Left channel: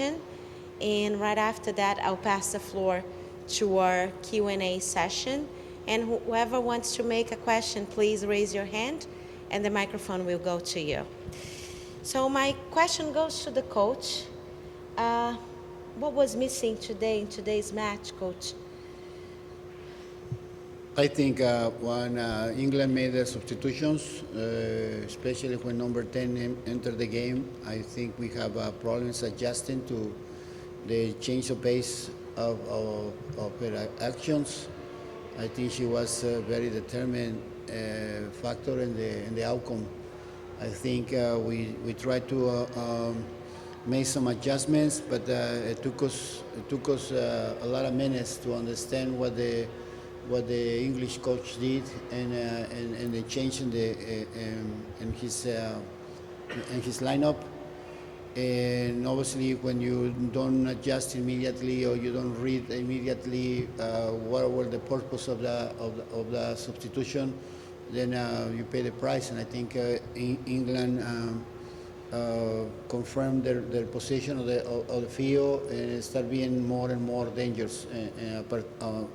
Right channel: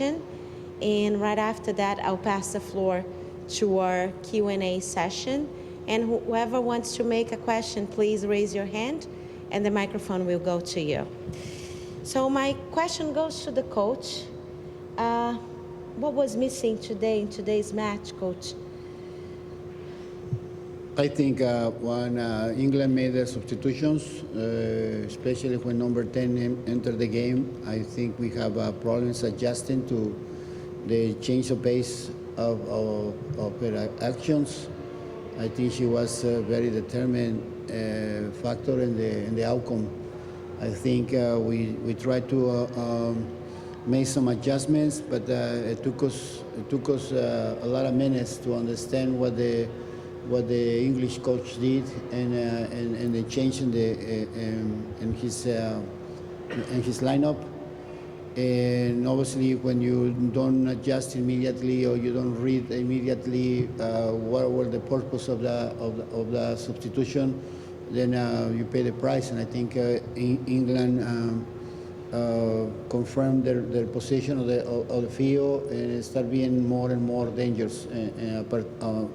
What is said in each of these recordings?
and right after that, I'll pass the floor to our Q&A session. And whoever wants to make a question, please raise your hand, and the microphone will go to you. So my question goes to the coach. What was missing today in today's match, coach? I think when England made the substitutions, especially when number 10 entered the game, I think we have problems adjusting to the change of pace of her actions. I think she was a very determined factor in the outcome. I think we tried to make some adjustments, but it took us a lot of minutes to understand what the English coach did and the change in his lineup. And obviously, when you don't adjust immediately or you don't read immediately what were the purpose of the substitution, then you pay the price. And I think England confirmed their position of the field and start being more and more dangerous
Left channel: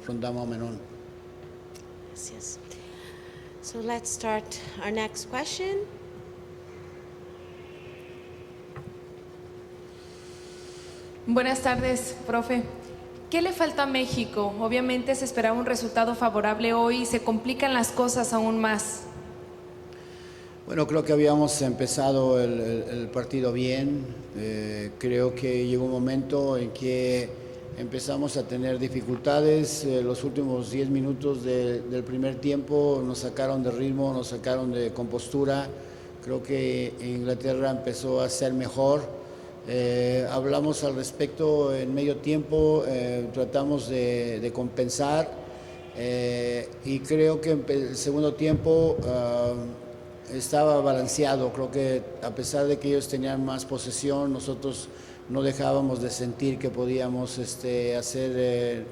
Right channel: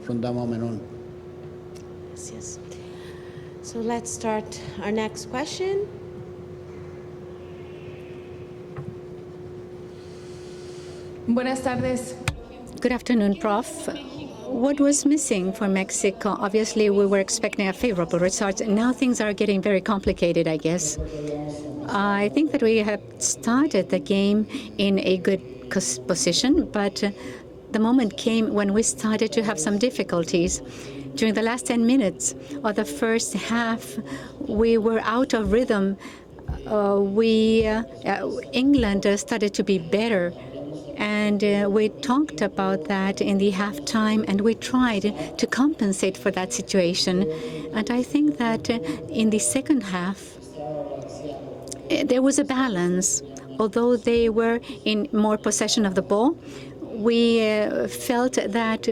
from that moment on. Yes. So let's start our next question. Buenas tardes, profe. Good afternoon, ¿Qué le Prof. falta a México? What was missing for Mexico? Obviously, we were expecting a favorable result. Now things are getting very complicated, I guess. I think that we have started the game in a good position, but the moment came when we started to have some difficulties. During the last 10 minutes of the first half, we were out of rhythm. England started to be better, and we talked about that in the halftime, and we tried to compensate for that situation. And I think that in the second half, there was a balance. Although they were in more possession of the ball, we felt that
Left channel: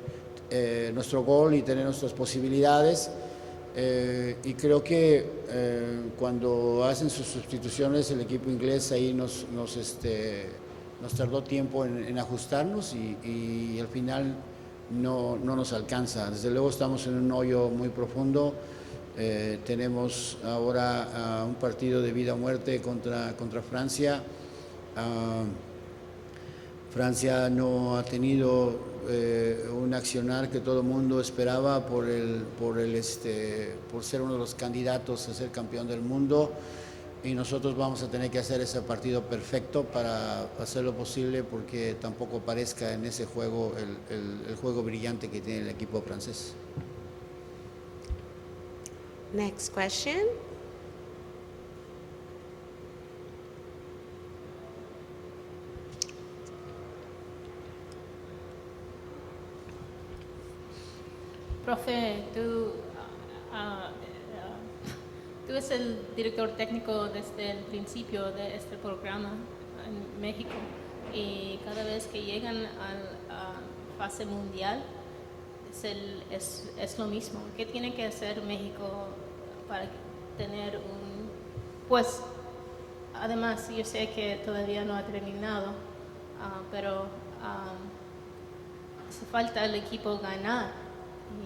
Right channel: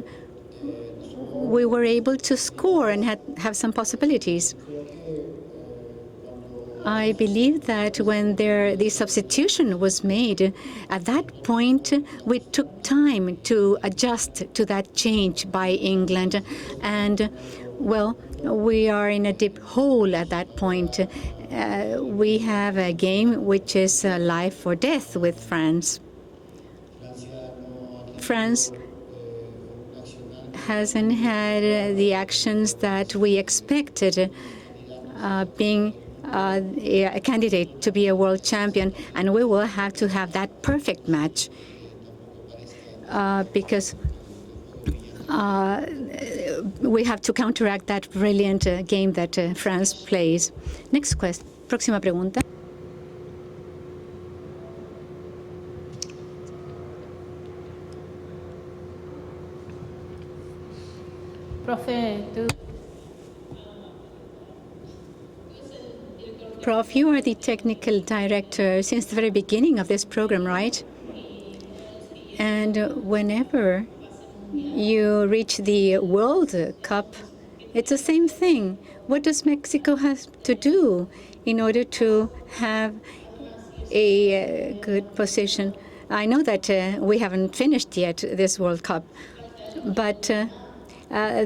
we were able to score and have some possibilities. I believe that when the substitution was made, at that point, we took time to adjust to that change by England. And, well, we are in a deep hole at that point. We have a game which is life or death with France. France hasn't had the actions that we expected, being a candidate to be a world champion, and we will have to have that perfect match because we have to counteract that brilliant game that France plays. Next question. Próxima pregunta. Prof, you are the technical director since the very beginning of this program, right? And whenever you reach the World Cup, it's the same thing. What does Mexico have to do in order to have a good position? I know that we haven't finished yet this World Cup, but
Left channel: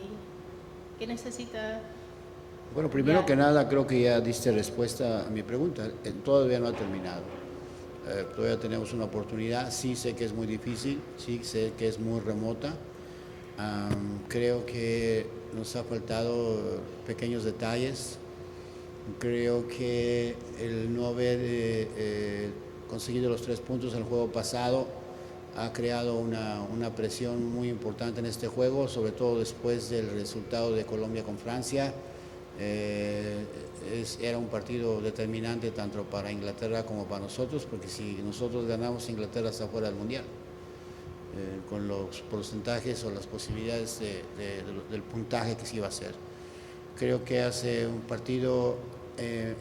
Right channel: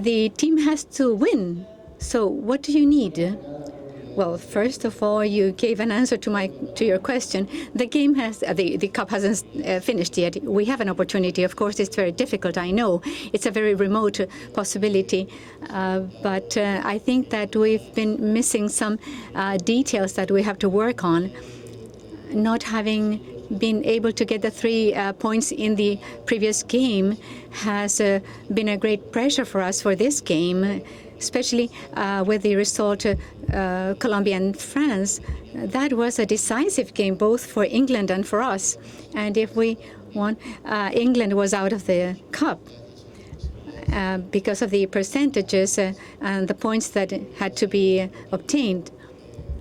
the team has to win. So what do you need? Well, first of all, you gave an answer to your question. The game the cup hasn't finished yet. We have an opportunity. Of course, it's very difficult. I know it's a very remote possibility, but I think that we've been missing some details that we have to work on. Not having been able to get the 3 points in the previous game has been a great pressure for us for this game, especially with the result Colombia and France. That was a decisive game both for England and for us. And if we won, England was out of the cup because of the percentages and the points that had to be obtained.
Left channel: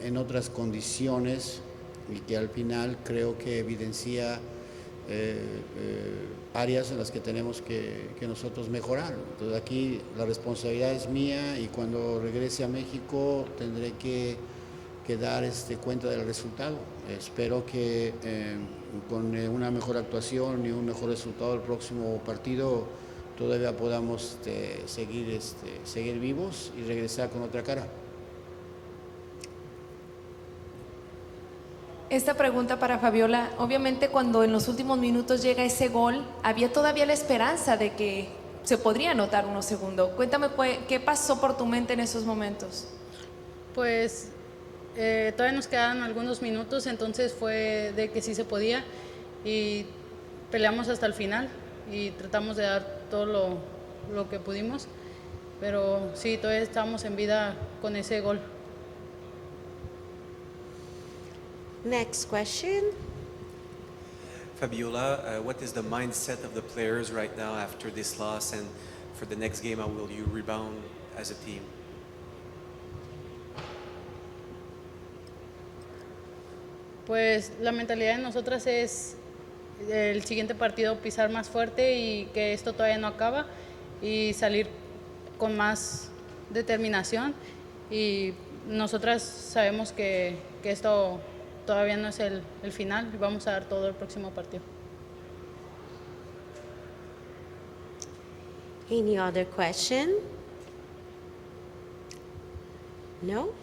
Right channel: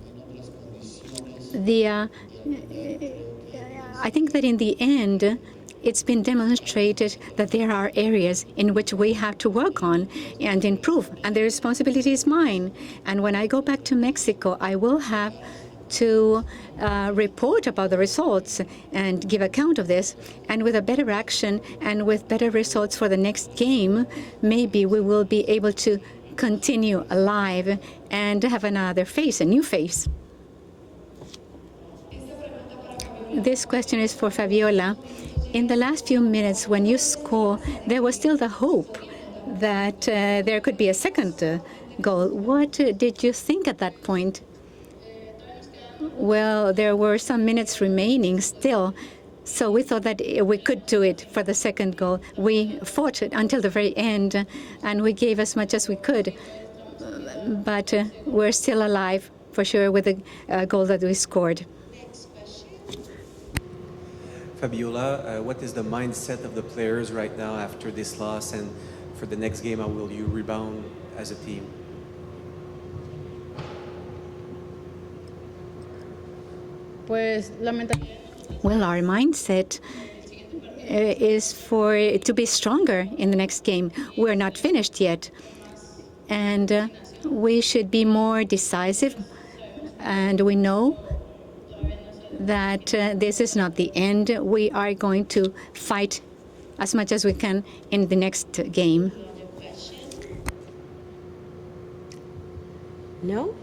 en otras condiciones The, que al final creo que evidencia I think that in the end, it's been demonstrated that there are areas in which we have to work on and improve, and the responsibility is mine. And when I go back to Mexico, I will have to report about the results and give account of this. And with a better action and with better results for the next game, maybe we will be able to continue alive and have another face, a new face. Esta pregunta para Fabiola. This question Obviamente, is for cuando en los Fabiola. últimos minutos llega In the ese last few gol, minutes, había when you todavía la score, esperanza de there was still the que se hope podría anotar uno that segundo. Cuéntame there could be a qué pasó por tu second mente en esos goal. What momentos. did you think at that point? Todavía nos quedaban algunos Well, minutos, there were entonces some fue minutes de que sí remaining se podía. still. So we thought that we could Peleamos do hasta el it for final the second y goal. tratamos We de dar fought todo until the very lo end, que pudimos, and we gave as much as we pero could. sí, todavía estábamos en vida But con ese gol. we're still alive, for sure, with the goal that we scored. Next question. Fabiola, what is the mindset of the players right now after this loss, and for the next game, how will you rebound as a team? Pues la mentalidad de nosotras Well, our es mindset el siguiente partido empezar más is fuerte for y to que be esto todavía stronger no in the acaba next game. y We're not salir finished yet. con más And determinación. we should be Y more decisive. nosotras sabemos que And we know esto todavía no es el that final. this Vamos is a not todo the el próximo end. partido. We are going to fight as much as we can in the next game. Any other question? No?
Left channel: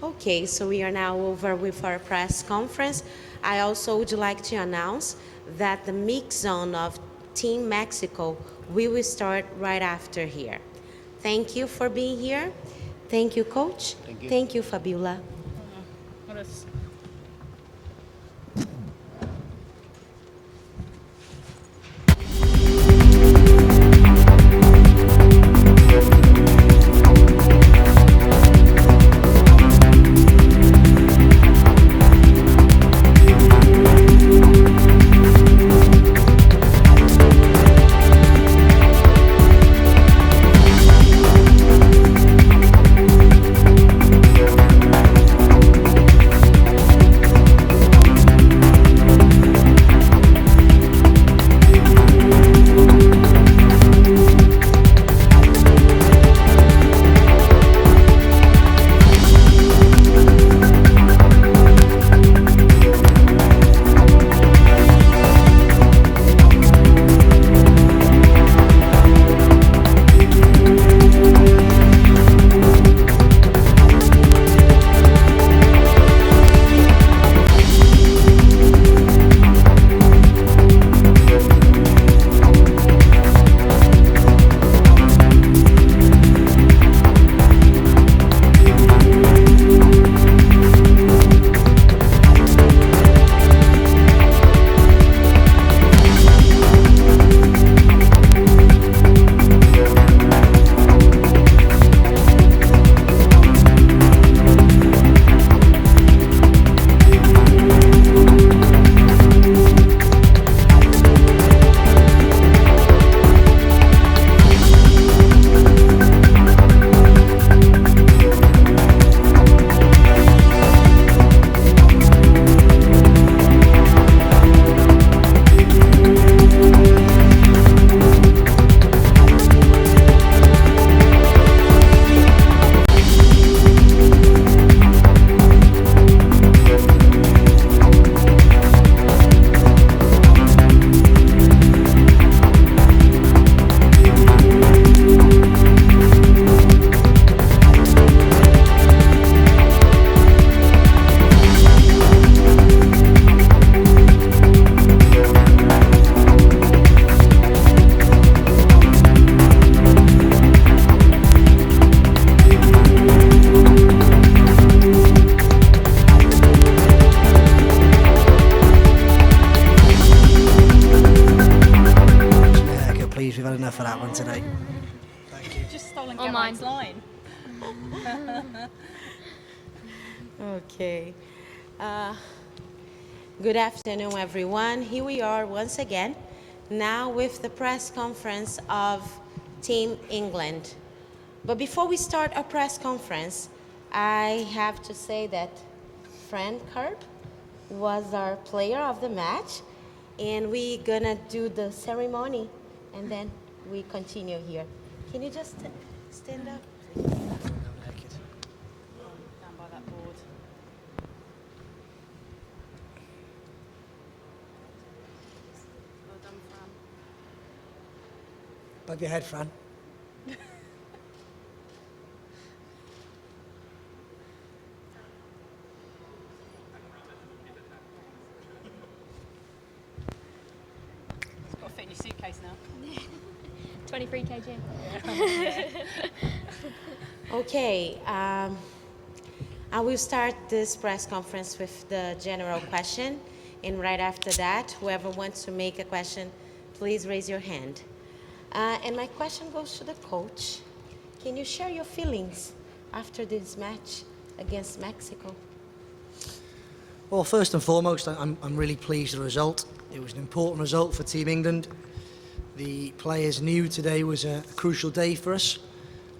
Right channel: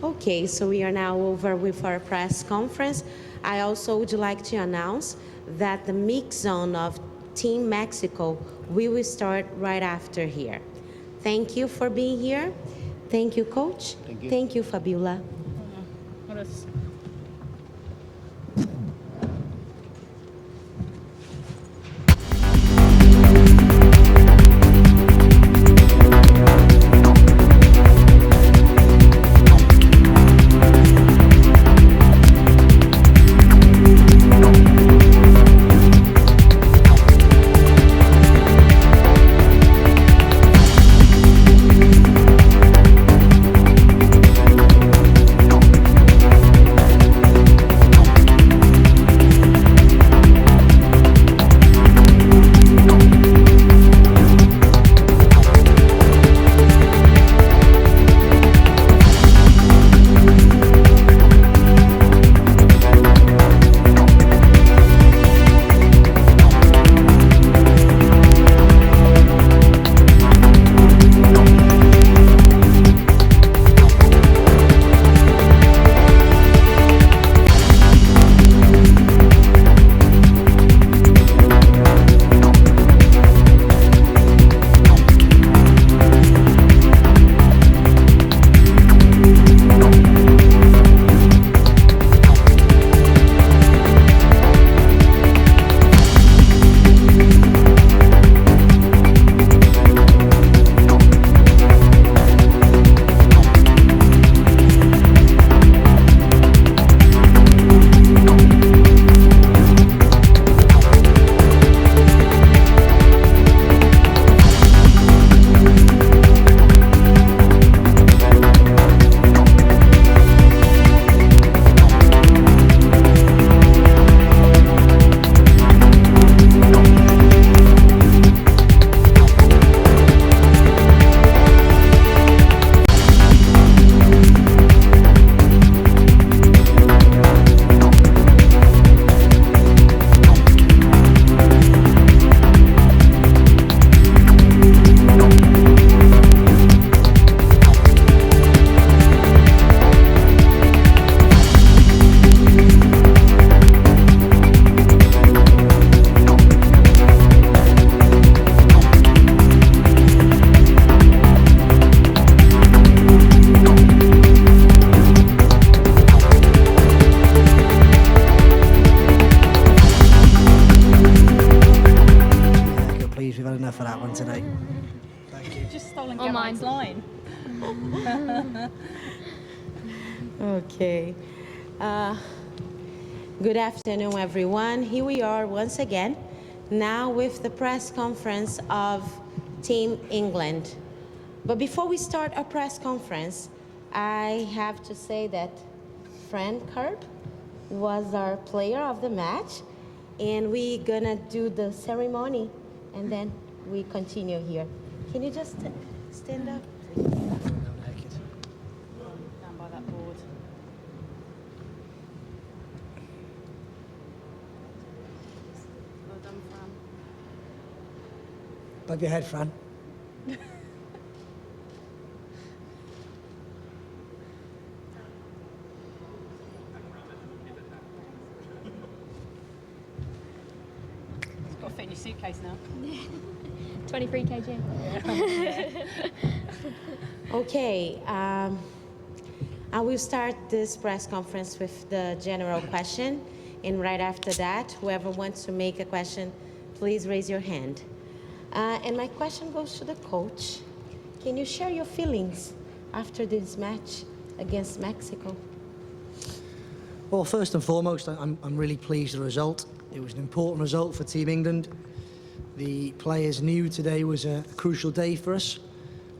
Okay, so we are now over with our press conference. I also would like to announce that the mix zone of Team Mexico, we will start right after here. Thank you for being here. Thank you, Coach. Thank you. Fabiola. Gracias. We've had enough of that one today. On mine's line. Okay. Good afternoon, everyone. Here we are once again, now with the press conference of Team England. But before we start our press conference, I have to say that Fran Karp was our player of the match, and we're gonna do the ceremony, and then we continue here. Can you just stand up? Down by that board. Well done, Fran. Above your head, Fran. It's got to fit in your suitcase now. 23 kg. Okay, I will start this press conference with the general question, and right after that, whoever wants to make a question, please raise your hand. And my question goes to the coach. Can you share your feelings after this match against Mexico? Well, first and foremost, I'm really pleased with the result. It was an important result for Team England. The players knew today was a crucial day for us.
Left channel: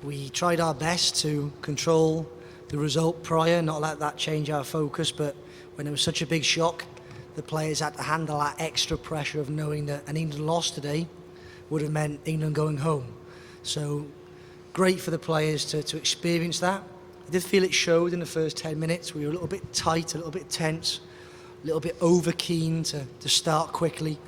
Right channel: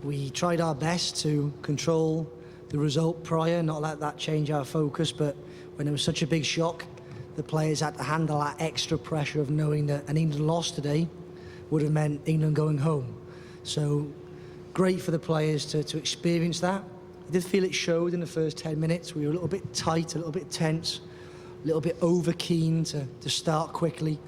We tried our best to control the result prior, not let that change our focus, but when it was such a big shock, the players had to handle that extra pressure of knowing that an England loss today would have meant England going home. So great for the players to experience that. I did feel it showed in the first 10 minutes. We were a little bit tight, a little bit tense, a little bit over keen to start quickly.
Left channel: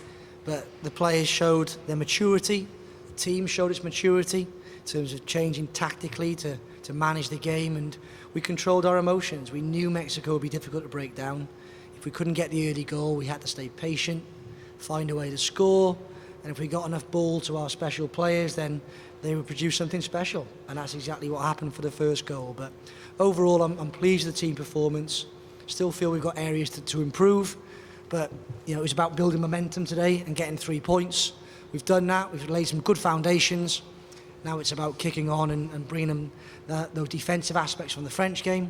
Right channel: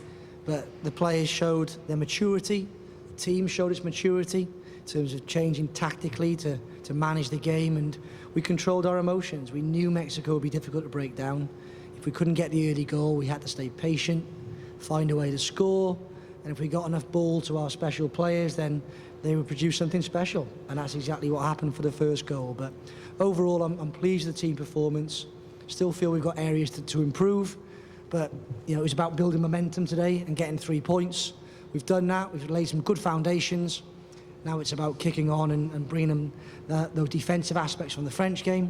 But the players showed their maturity, the team showed its maturity in terms of changing tactically to manage the game, and we controlled our emotions. We knew Mexico would be difficult to break down. If we couldn't get the early goal, we had to stay patient, find a way to score, and if we got enough ball to our special players, then they would produce something special, and that's exactly what happened for the first goal. But overall, I'm pleased with the team performance. Still feel we've got areas to improve, but you know, it was about building momentum today and getting 3 points. We've done that. We've laid some good foundations. Now it's about kicking on and bringing them those defensive aspects from the French game,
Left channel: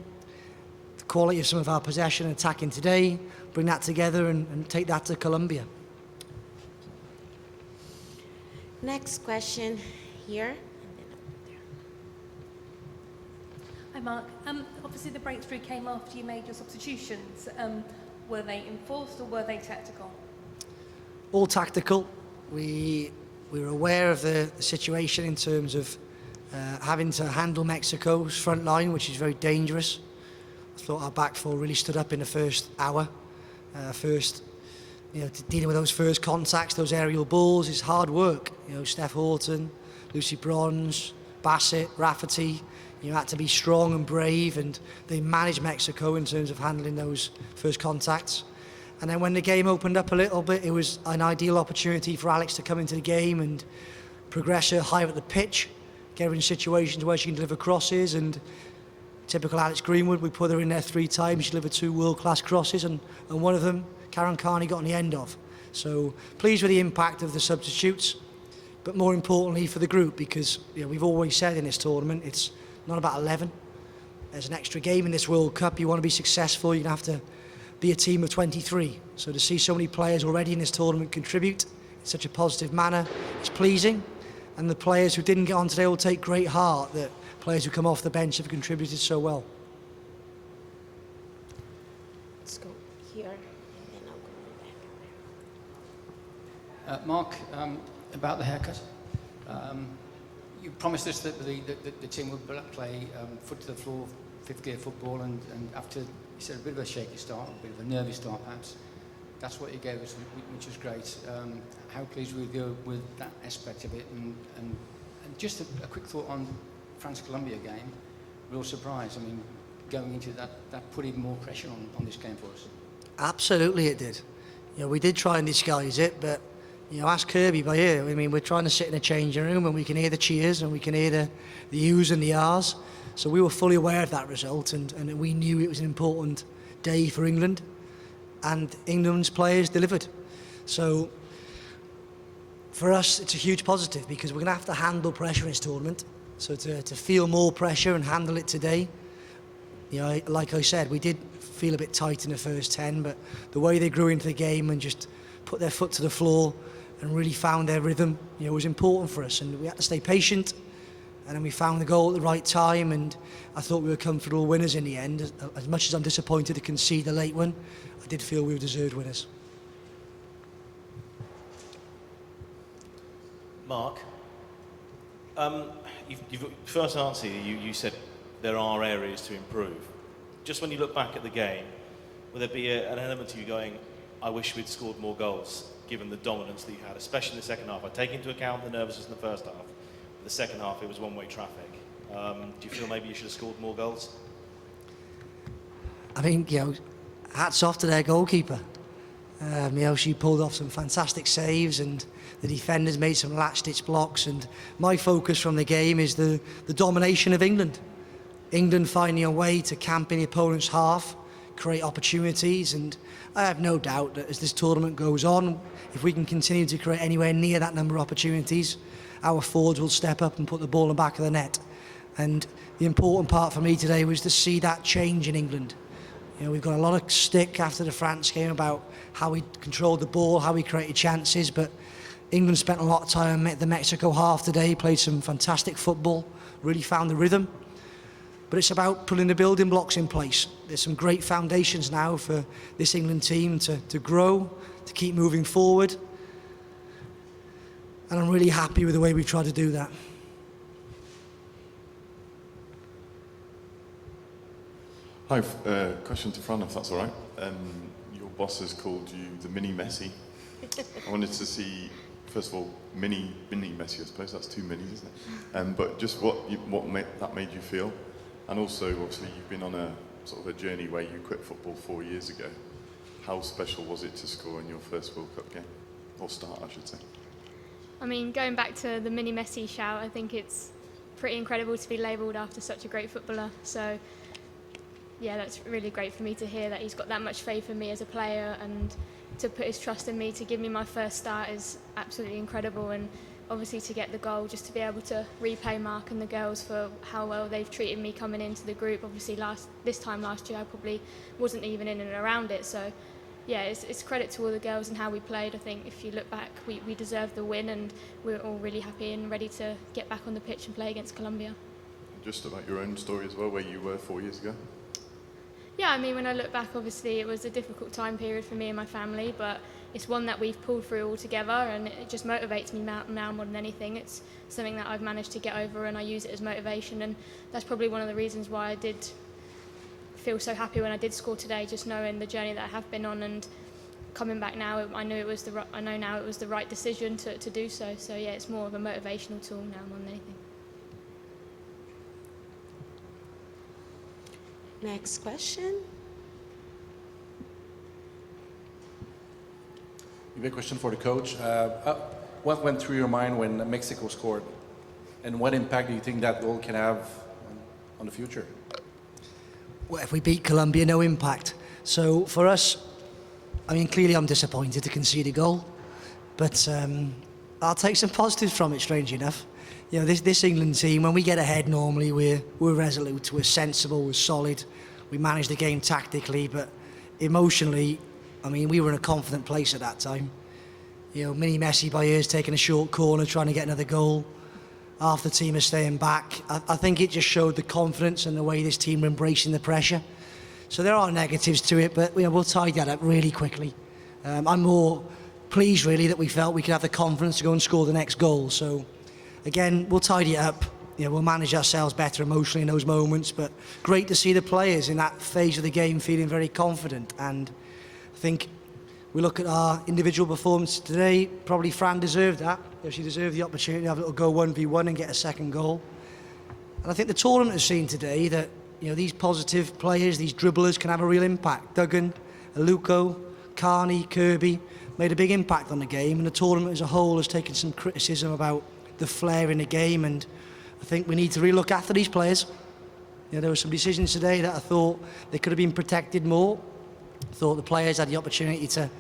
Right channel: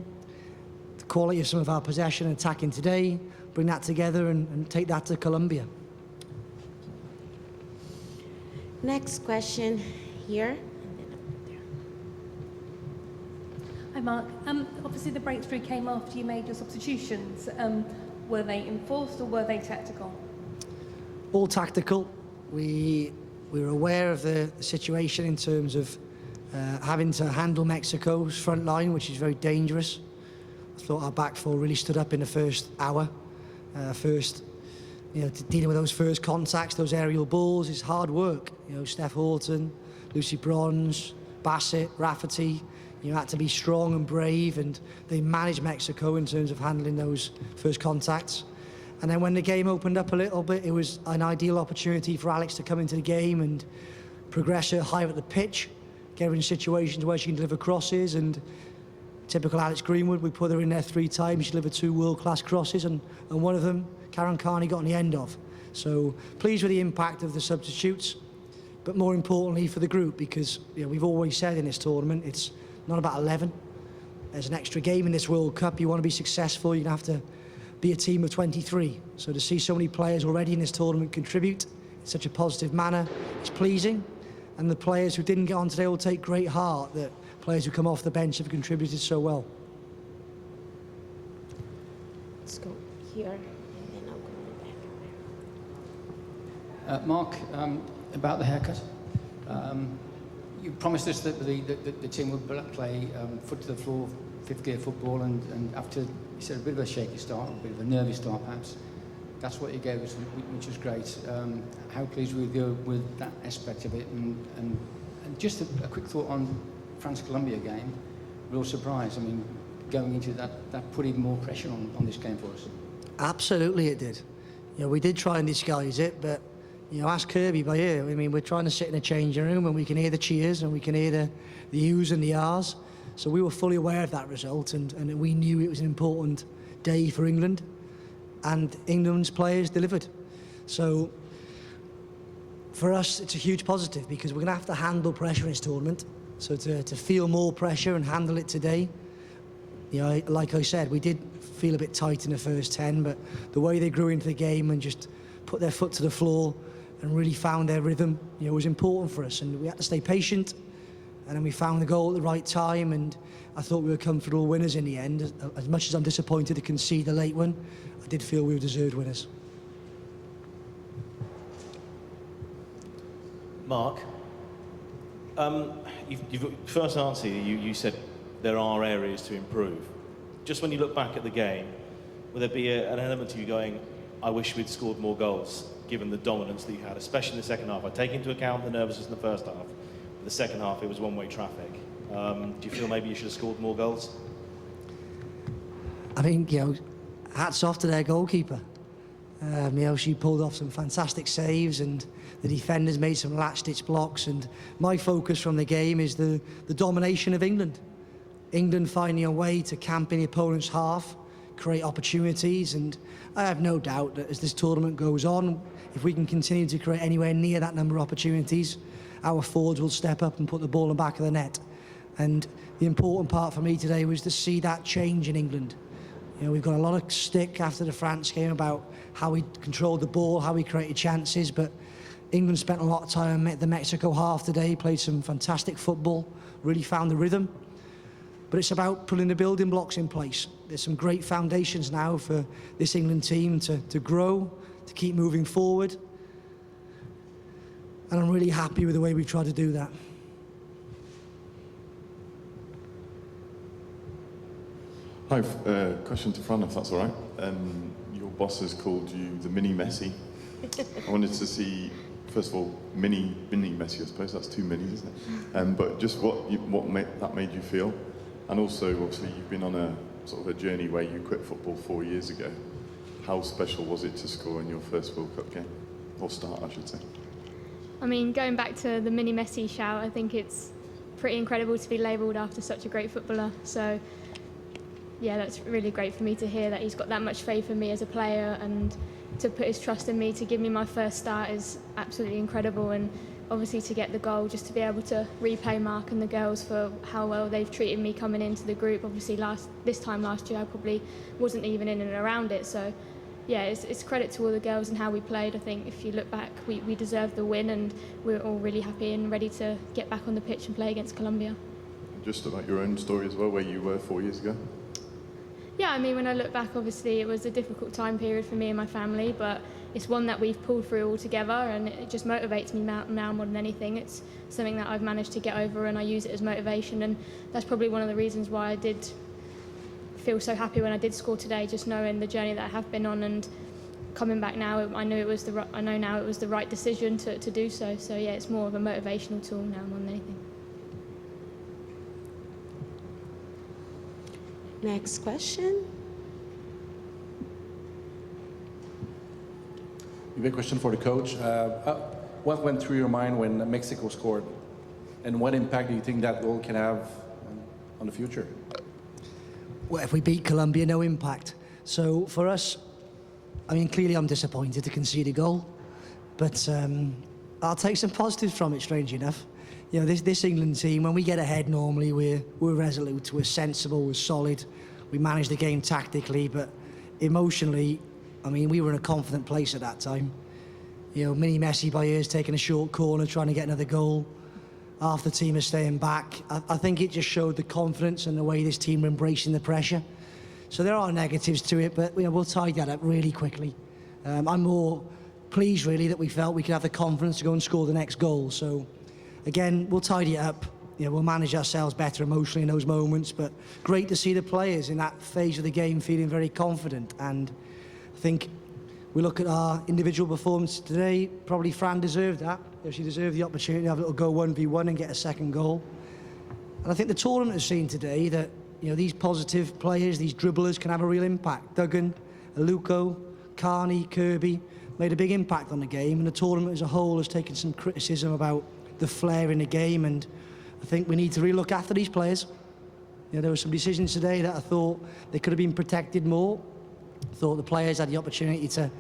the quality of some of our possession and attacking today, bring that together and take that to Colombia. Next question here. Hi, Mark. Obviously, the breakthrough came after you made your substitutions. Were they enforced or were they tactical? All tactical. We were aware of the situation in terms of having to handle Mexico's front line, which is very dangerous. I thought our back four really stood up in the first hour. Dealing with those first contacts, those aerial balls is hard work. You know, Steph Horton, Lucy Bronze, Bassett, Rafferty, you had to be strong and brave, and they managed Mexico in terms of handling those first contacts. And then when the game opened up a little bit, it was an ideal opportunity for Alex to come into the game and progress her higher at the pitch, get her in situations where she can deliver crosses, and typical Alex Greenwood, we put her in there 3 times, she delivered 2 world-class crosses, and one of them, Karen Carney, got on the end of. So pleased with the impact of the substitutes, but more importantly for the group, because we've always said in this tournament, it's not about 11. There's an extra game in this World Cup. You want to be successful, you have to be a team of 23. So to see so many players already in this tournament contribute in such a positive manner, it's pleasing. And the players who didn't get on today will take great heart that players who come off the bench have contributed so well. Let's go here, and then I'll go back. Mark, about the haircut. You promised us that the team would play foot to the floor, fifth gear football, and after, you said, a bit of a shaky start, a bit of a nervy start perhaps, that's what you gave us, which was great. How pleased we go with that aspect of it, and just a quick thought on France-Colombia game, real surprise. I mean, going into that put even more pressure on this game for us. Absolutely it did. We did try and disguise it, but ask Kirby by ear. I mean, we're trying to sit in a changing room and we can hear the cheers and we can hear the U's and the R's. So we were fully aware of that result, and we knew it was an important day for England, and England's players delivered. So for us, it's a huge positive because we're going to have to handle pressure in this tournament. So to feel more pressure and handle it today, like I said, we did feel a bit tight in the first 10, but the way they grew into the game and just put their foot to the floor and really found their rhythm, was important for us, and we had to stay patient. And then we found the goal at the right time, and I thought we were comfortable winners in the end. As much as I'm disappointed to concede the late one, I did feel we were deserved winners. Mark, you've first answer, you said there are areas to improve. Just when you look back at the game, will there be an element of you going, I wish we'd scored more goals, given the dominance that you had, especially in the second half? I take into account the nervousness in the first half. But the second half, it was one-way traffic. Do you feel maybe you should have scored more goals? I think, hats off to their goalkeeper. She pulled off some fantastic saves, and the defenders made some last-ditch blocks. And my focus from the game is the domination of England. England finding a way to camp in the opponent's half, create opportunities, and I have no doubt that as this tournament goes on, if we can continue to create anywhere near that number of opportunities, our forwards will step up and put the ball in the back of the net. And the important part for me today was to see that change in England. We've got a lot of stick after the France game about how we controlled the ball, how we created chances, but England spent a lot of time at the Mexico half today, played some fantastic football, really found the rhythm. But it's about putting the building blocks in place. There's some great foundations now for this England team to grow, to keep moving forward. And I'm really happy with the way we've tried to do that. Hi, question to Fran, if that's all right. Your boss has called you the mini Messi. I wanted to see, first of all, mini Messi, I suppose. That's too many, isn't it? But just what that made you feel. And also, obviously, you've been on a sort of a journey where you quit football 4 years ago. How special was it to score in your first World Cup game? Or start, I should say. I mean, going back to the mini Messi shout, I think it's pretty incredible to be labelled after such a great footballer. So, yeah, that's really great for me to hear that he's got that much faith in me as a player, and to put his trust in me to give me my first start is absolutely incredible. And obviously to get the goal, just to be able to repay Mark and the girls for how well they've treated me coming into the group. Obviously this time last year I probably wasn't even in and around it, so yeah, it's credit to all the girls and how we played. I think if you look back, we deserved the win, and we're all really happy and ready to get back on the pitch and play against Colombia. Just about your own story as well, where you were 4 years ago. Yeah, I mean, when I look back, obviously it was a difficult time period for me and my family, but it's one that we've pulled through all together, and it just motivates me now more than anything. It's something that I've managed to get over, and I use it as motivation, and that's probably one of the reasons why I did feel so happy when I did score today, just knowing the journey that I have been on, and coming back now, I know now it was the right decision to do so. So yeah, it's more of a motivational tool now more than anything. Next question. Maybe a question for the coach. What went through your mind when Mexico scored? And what impact do you think that goal can have on the future? Well, if we beat Colombia, no impact. So for us, I mean, clearly I'm disappointed to concede a goal, but I'll take some positives from it, strangely enough. This England team, when we get ahead normally, we're resolute, we're sensible, we're solid, we manage the game tactically, but emotionally, I mean, we were in a confident place at that time. Mini Messi by ears taking a short corner, trying to get another goal. Half the team is staying back. I think it just showed the confidence and the way this team were embracing the pressure. So there are negatives to it, but we'll tidy that up really quickly. I'm more pleased, really, that we felt we could have the confidence to go and score the next goal. So, again, we'll tidy it up. We'll manage ourselves better emotionally in those moments, but great to see the players in that phase of the game feeling very confident. And I think we look at our individual performance today, probably Fran deserved that. She deserved the opportunity to have a little go 1v1 and get a second goal. And I think the tournament has seen today that these positive players, these dribblers, can have a real impact. Duggan, Aluko, Carney, Kirby made a big impact on the game, and the tournament as a whole has taken some criticism about the flair in the game, and I think we need to really look after these players. There were some decisions today that I thought they could have been protected more. I thought the players had the opportunity to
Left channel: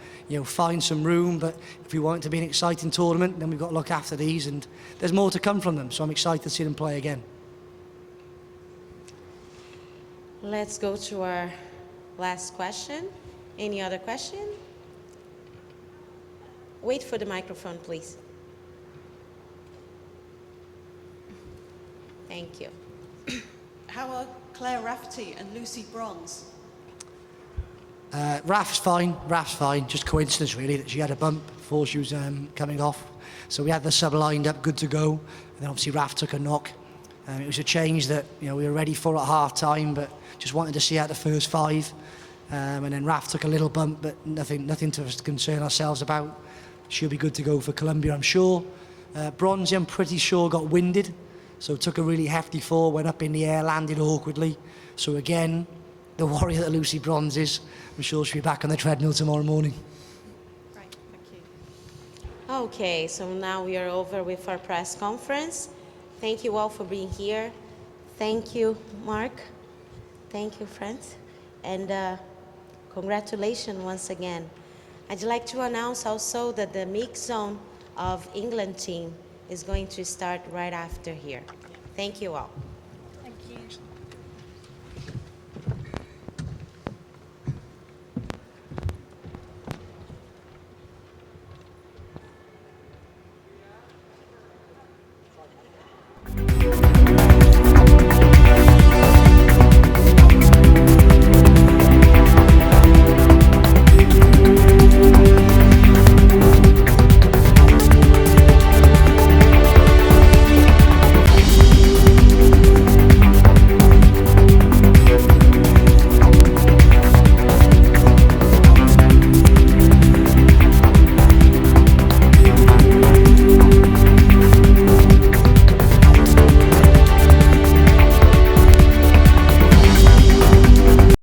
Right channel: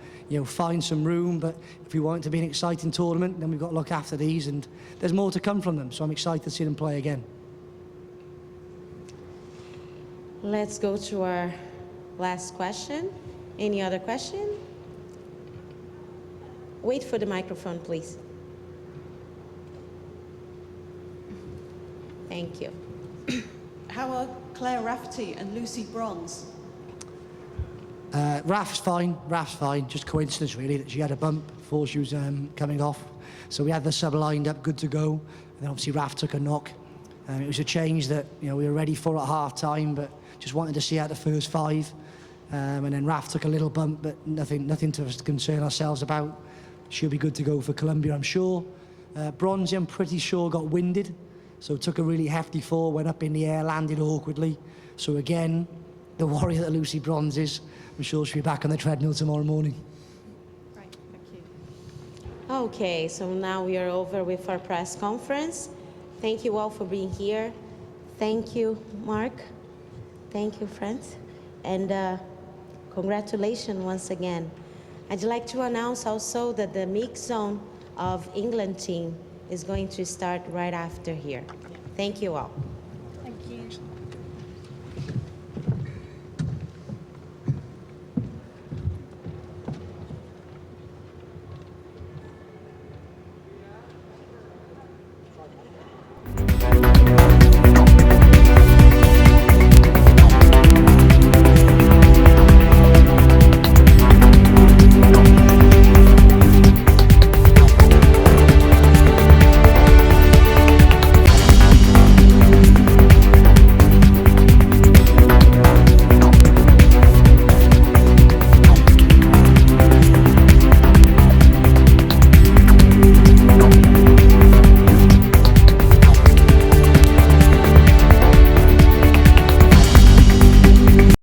find some room, but if we want it to be an exciting tournament, then we've got to look after these, and there's more to come from them, so I'm excited to see them play again. Let's go to our last question. Any other question? Wait for the microphone, please. Thank you. How are Claire Rafferty and Lucy Bronze? Raf's fine. Just coincidence really that she had a bump before she was coming off. So we had the sub lined up, good to go. And then obviously Raf took a knock. It was a change that we were ready for at half time, but just wanted to see out the first 5. And then Raf took a little bump, but nothing to concern ourselves about. She'll be good to go for Colombia, I'm sure. Bronze, I'm pretty sure, got winded. So took a really hefty fall, went up in the air, landed awkwardly. So again, the warrior that Lucy Bronze is, I'm sure she'll be back on the treadmill tomorrow morning. Right, thank you. Okay, so now we are over with our press conference. Thank you all for being here. Thank you, Mark. Thank you, friends. And congratulations once again. I'd like to announce also that the mix zone of England team is going to start right after here. Thank you all. Thank you.